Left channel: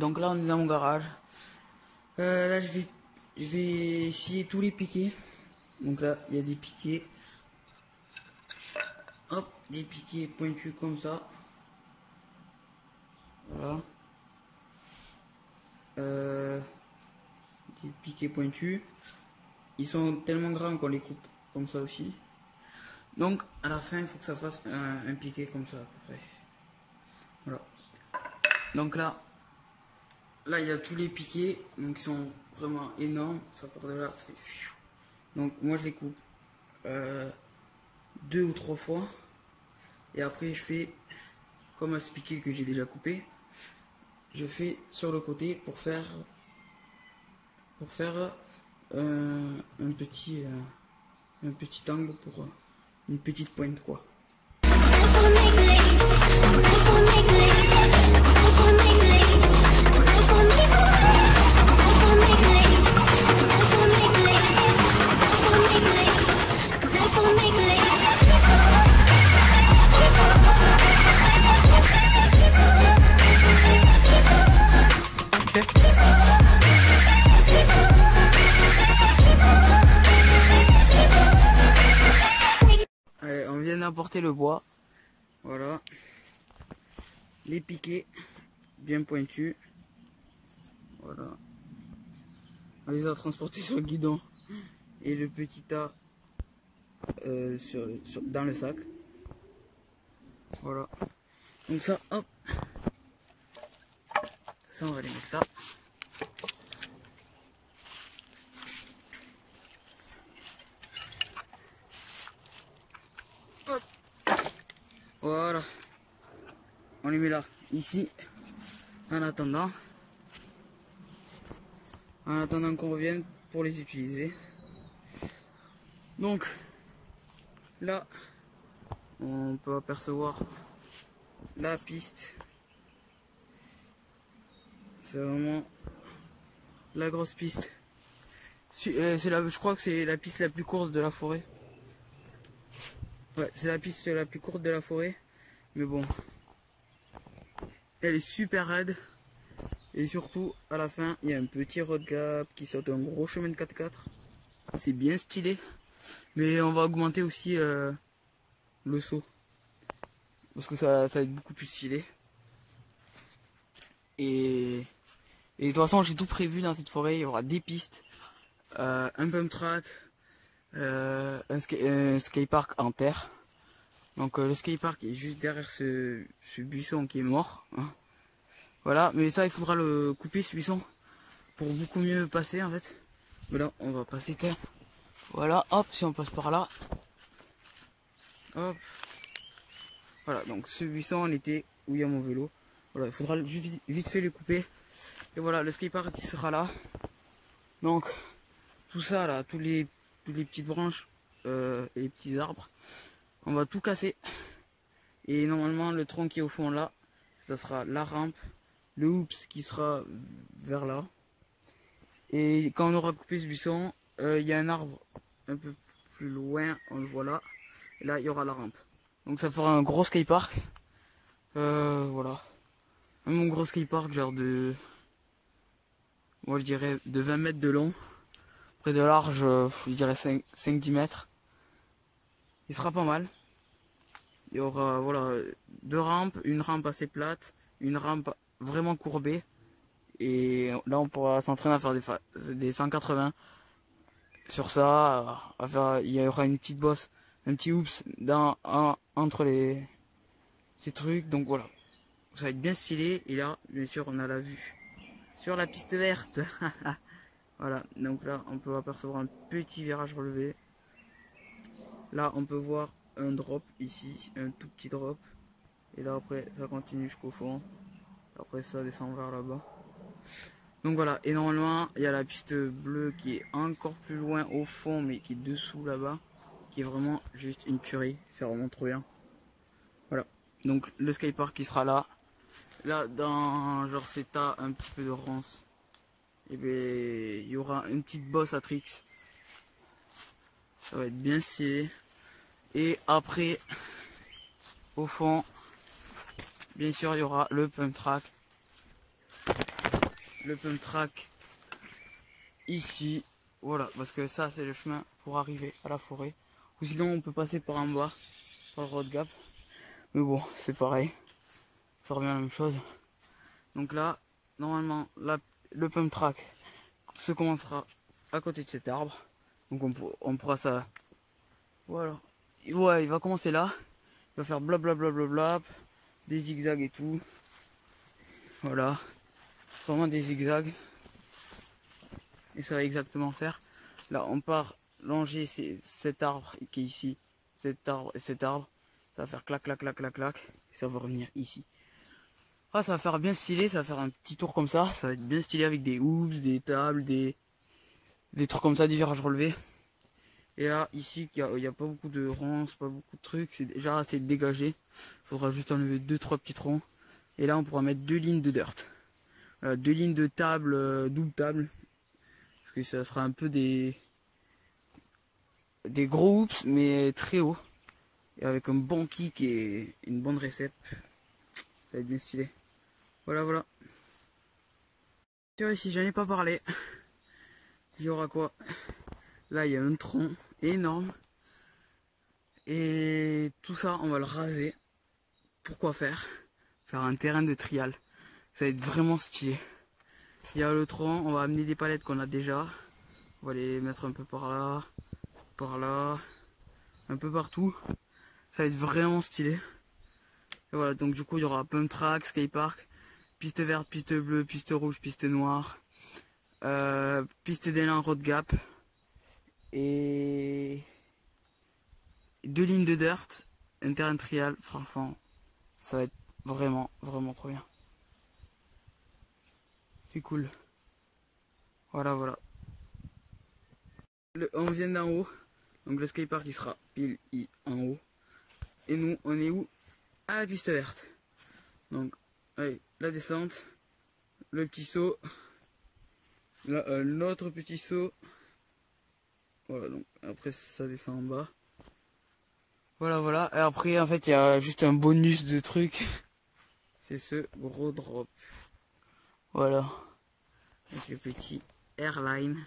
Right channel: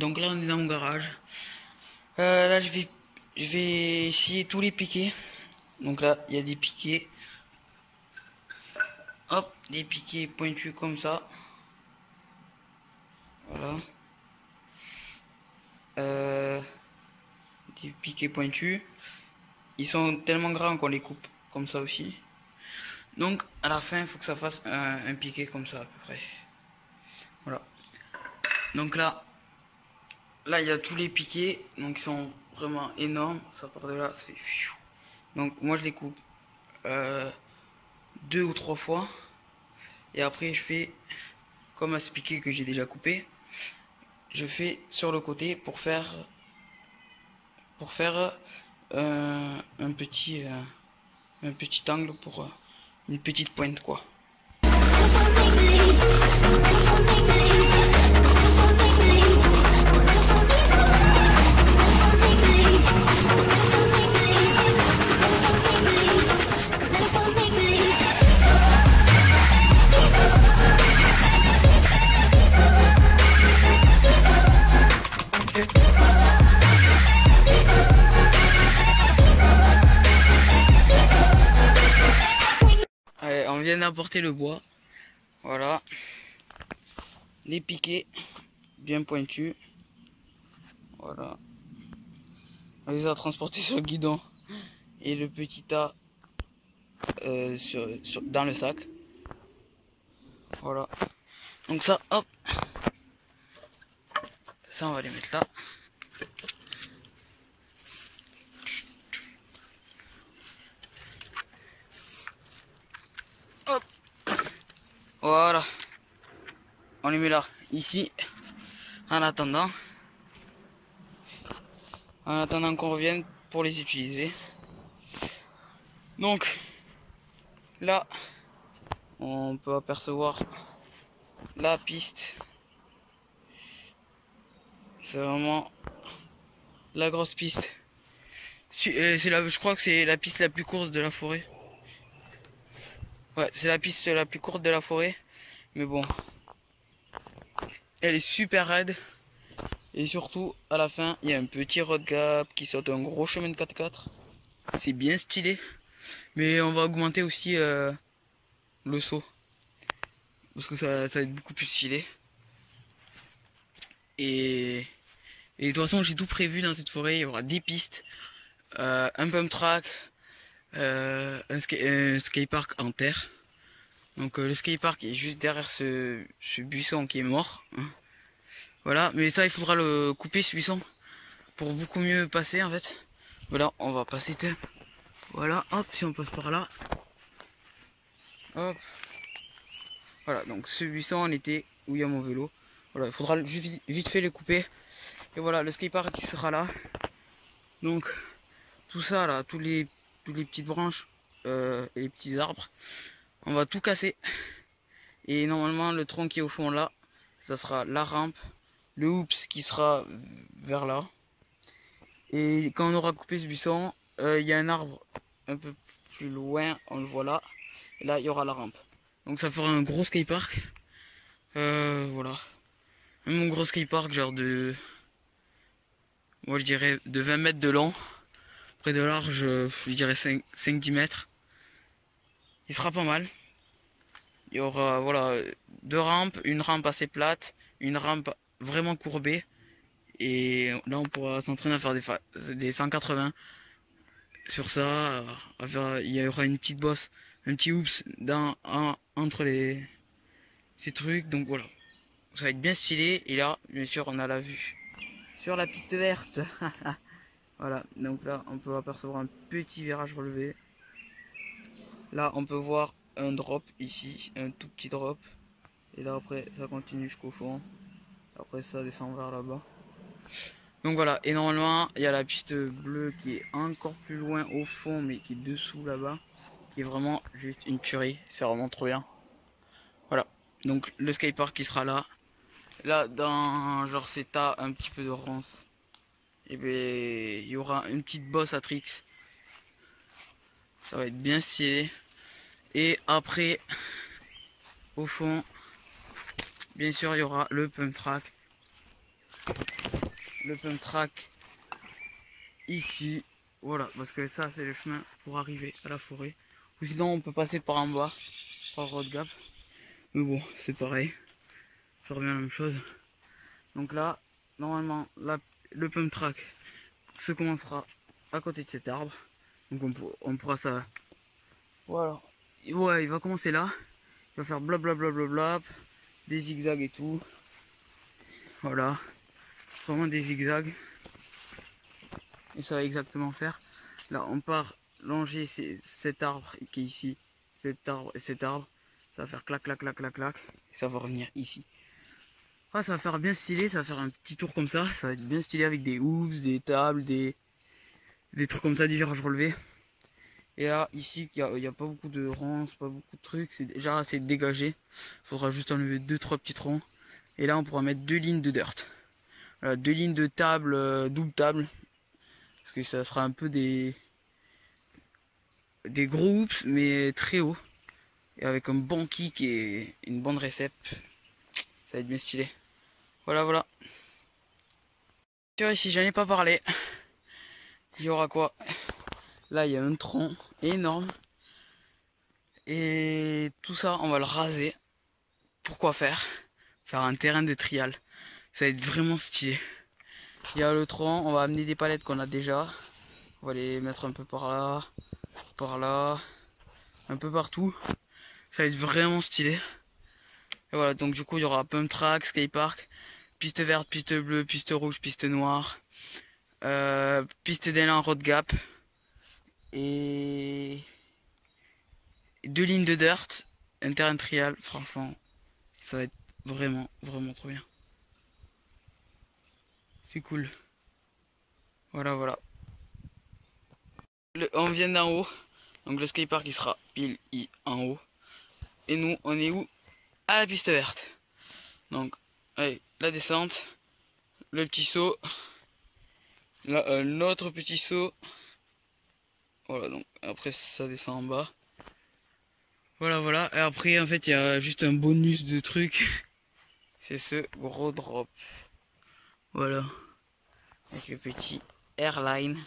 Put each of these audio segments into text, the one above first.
Donc là, on est dans mon garage. Là, je vais essayer tous les piquets. Donc là, il y a des piquets. Hop, des piquets pointus comme ça. Voilà. Des piquets pointus. Ils sont tellement grands qu'on les coupe comme ça aussi. Donc à la fin, il faut que ça fasse un piquet comme ça à peu près. Voilà. Donc là, il y a tous les piquets. Donc ils sont vraiment énormes. Ça part de là, ça fait. Donc moi je les coupe 2 ou 3 fois. Et après je fais comme à ce piquet que j'ai déjà coupé. Je fais sur le côté pour faire un petit angle pour une petite pointe quoi. Allez, on vient d'apporter le bois. Voilà. Les piquets bien pointus. Voilà. On les a transportés sur le guidon. Et le petit tas dans le sac. Voilà. Donc ça, hop. Ça, on va les mettre là. Hop. Voilà. On les met là, ici. En attendant qu'on revienne pour les utiliser. Donc là, on peut apercevoir la piste. C'est vraiment la grosse piste. Je crois que c'est la piste la plus courte de la forêt. Ouais, c'est la piste la plus courte de la forêt. Mais bon, elle est super raide. Et surtout, à la fin, il y a un petit road gap qui saute un gros chemin de 4x4. C'est bien stylé. Mais on va augmenter aussi le saut. Parce que ça va être beaucoup plus stylé. Et de toute façon, j'ai tout prévu dans cette forêt. Il y aura des pistes, un pump track, un skatepark en terre. Donc le skatepark est juste derrière ce buisson qui est mort. Hein. Voilà, mais ça, il faudra le couper ce buisson pour beaucoup mieux passer en fait. Voilà, on va passer. Voilà, hop, si on passe par là. Hop. Voilà, donc ce buisson on était où il y a mon vélo. Voilà, il faudra juste vite fait le couper. Et voilà, le skatepark qui sera là. Donc tout ça là, tous les petites branches et les petits arbres, on va tout casser. Et normalement le tronc qui est au fond là, ça sera la rampe, le hoops qui sera vers là. Et quand on aura coupé ce buisson, il y a un arbre un peu plus loin, on le voit là. Et là il y aura la rampe. Donc ça fera un gros skatepark. Voilà. Mon gros skatepark genre de... Moi je dirais de 20 mètres de long. Près de large, je dirais 5-10 mètres. Il sera pas mal. Il y aura voilà 2 rampes, une rampe assez plate, une rampe vraiment courbée. Et là on pourra s'entraîner à faire des 180 sur ça. Il y aura une petite bosse, un petit oops entre ces trucs. Donc voilà. Ça va être bien stylé. Et là, bien sûr, on a la vue sur la piste verte. Voilà, donc là, on peut apercevoir un petit virage relevé. Là, on peut voir un drop ici, un tout petit drop. Et là, après, ça continue jusqu'au fond. Après, ça descend vers là-bas. Donc voilà, et normalement, il y a la piste bleue qui est encore plus loin au fond, mais qui est dessous là-bas. Qui est vraiment juste une tuerie. C'est vraiment trop bien. Voilà, donc le skatepark qui sera là. Là, dans genre cet tas un petit peu de ronces, et bien il y aura une petite bosse à tricks. Ça va être bien stylé. Et après, au fond, bien sûr, il y aura le pump track. le pump track ici. Voilà, parce que ça c'est le chemin pour arriver à la forêt. Ou sinon on peut passer par en bas, par le road gap. Mais bon, c'est pareil. Ça revient à la même chose. Donc là, normalement, le pump track se commencera à côté de cet arbre. Donc on pourra ça. Voilà. Ouais, il va commencer là. Il va faire blablabla, des zigzags et tout. Voilà. Vraiment des zigzags. Et ça va exactement faire. Là, on part longer cet arbre qui est ici. Cet arbre et cet arbre. Ça va faire clac, clac, clac, clac, clac. Et ça va revenir ici. Ah, ça va faire bien stylé. Ça va faire un petit tour comme ça. Ça va être bien stylé avec des hoops, des tables, des trucs comme ça, des virages relevés. Et là, ici, il n'y a pas beaucoup de ronces, pas beaucoup de trucs. C'est déjà assez dégagé. Il faudra juste enlever 2-3 petits troncs. Et là, on pourra mettre 2 lignes de dirt. Voilà, 2 lignes de table, double table. Parce que ça sera un peu des gros hoops, mais très haut. Et avec un bon kick et une bonne récep. Ça va être bien stylé. Voilà, voilà. Ici, j'en ai pas parlé. Il y aura quoi? Là, il y a un tronc énorme. Et tout ça, on va le raser. Pourquoi faire? Faire un terrain de trial. Ça va être vraiment stylé. Il y a le tronc, on va amener des palettes qu'on a déjà. On va les mettre un peu par là, un peu partout. Ça va être vraiment stylé. Et voilà, donc du coup, il y aura pump track, skatepark, piste verte, piste bleue, piste rouge, piste noire, piste d'élan, road gap et 2 lignes de dirt, un terrain de trial. Franchement, ça va être vraiment, vraiment trop bien. C'est cool. Voilà, voilà. On vient d'en haut. Donc le skatepark il sera pile en haut. Et nous, on est où? À la piste verte. Donc, allez, la descente. Le petit saut. Là, notre petit saut. Voilà, donc après ça descend en bas. Voilà, voilà. Et après, en fait, il y a juste un bonus de trucs. C'est ce gros drop. Voilà. Avec le petit airline.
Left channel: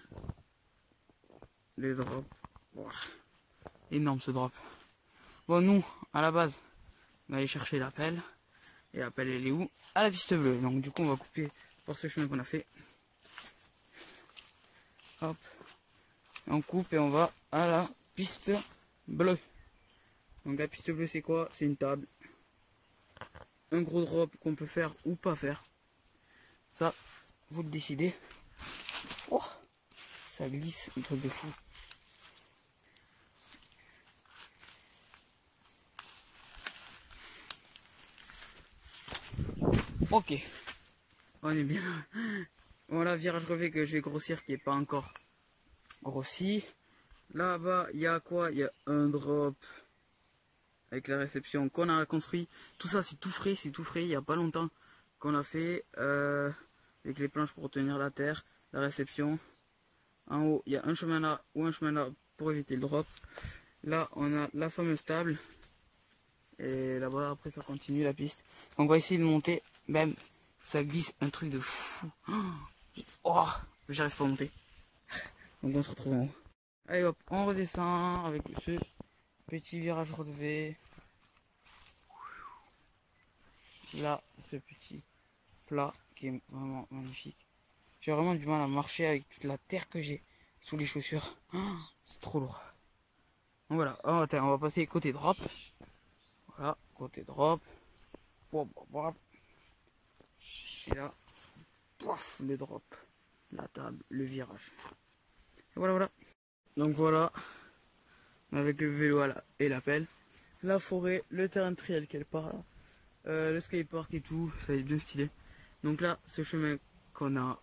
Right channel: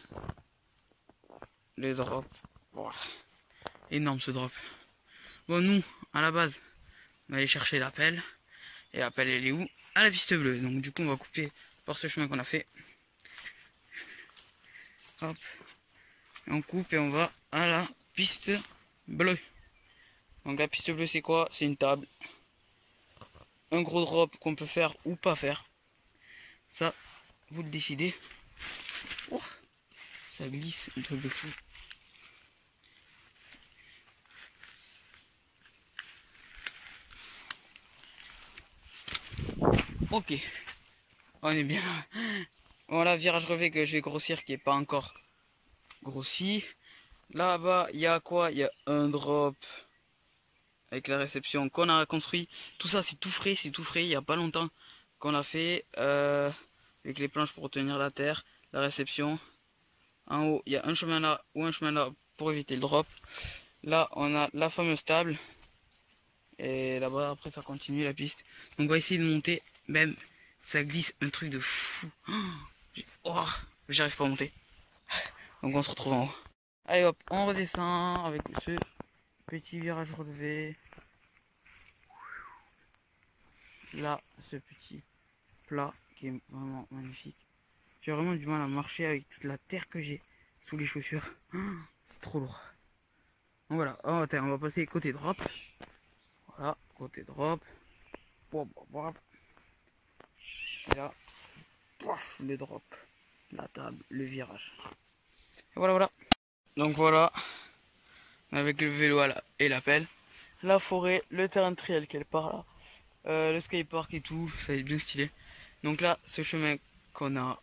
Le drop. Wow. Énorme ce drop. Bon, nous, à la base, on va aller chercher l'appel. Et l'appel, elle est où? À la piste bleue. Donc, du coup, on va couper par ce chemin qu'on a fait. Hop. Et on coupe et on va à la piste bleue. Donc, la piste bleue, c'est quoi? C'est une table. Un gros drop qu'on peut faire ou pas faire. Ça, vous le décidez. Oh, ça glisse, un truc de fou. Ok, on est bien. Voilà, virage relevé que je vais grossir qui n'est pas encore grossi. Là-bas, il y a quoi? Il y a un drop avec la réception qu'on a construit. Tout ça, c'est tout frais, il n'y a pas longtemps qu'on l'a fait. Avec les planches pour retenir la terre, la réception. En haut, il y a un chemin là ou un chemin là pour éviter le drop. Là, on a la fameuse table. Et là-bas, après, ça continue la piste. Donc, on va essayer de monter. Même, ça glisse un truc de fou. Oh, j'arrive pas à monter. Donc, on se retrouve en haut. Allez hop, on redescend avec ce petit virage relevé. Là, ce petit plat qui est vraiment magnifique. J'ai vraiment du mal à marcher avec toute la terre que j'ai sous les chaussures. C'est trop lourd. Donc voilà, on va passer côté drop. Voilà, côté drop. Et là, pouf, le drop, la table, le virage. Et voilà, voilà. Donc voilà, avec le vélo et la pelle, la forêt, le terrain de trial qui est par là, le skatepark et tout, ça va être bien stylé. Donc là, ce chemin qu'on a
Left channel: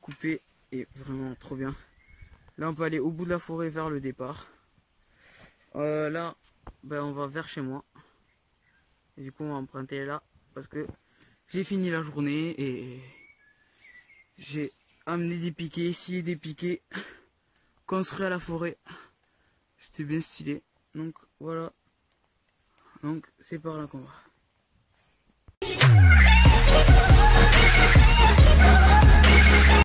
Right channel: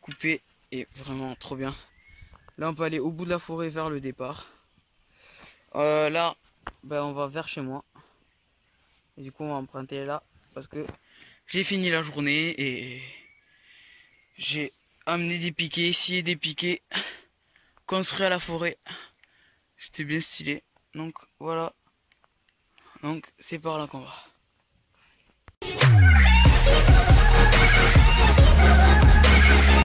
coupé est vraiment trop bien. Là, on peut aller au bout de la forêt vers le départ. Là, ben, on va vers chez moi. Et du coup, on va emprunter là parce que j'ai fini la journée et j'ai amené des piquets, scié des piquets, construit à la forêt. C'était bien stylé. Donc voilà. Donc c'est par là qu'on va.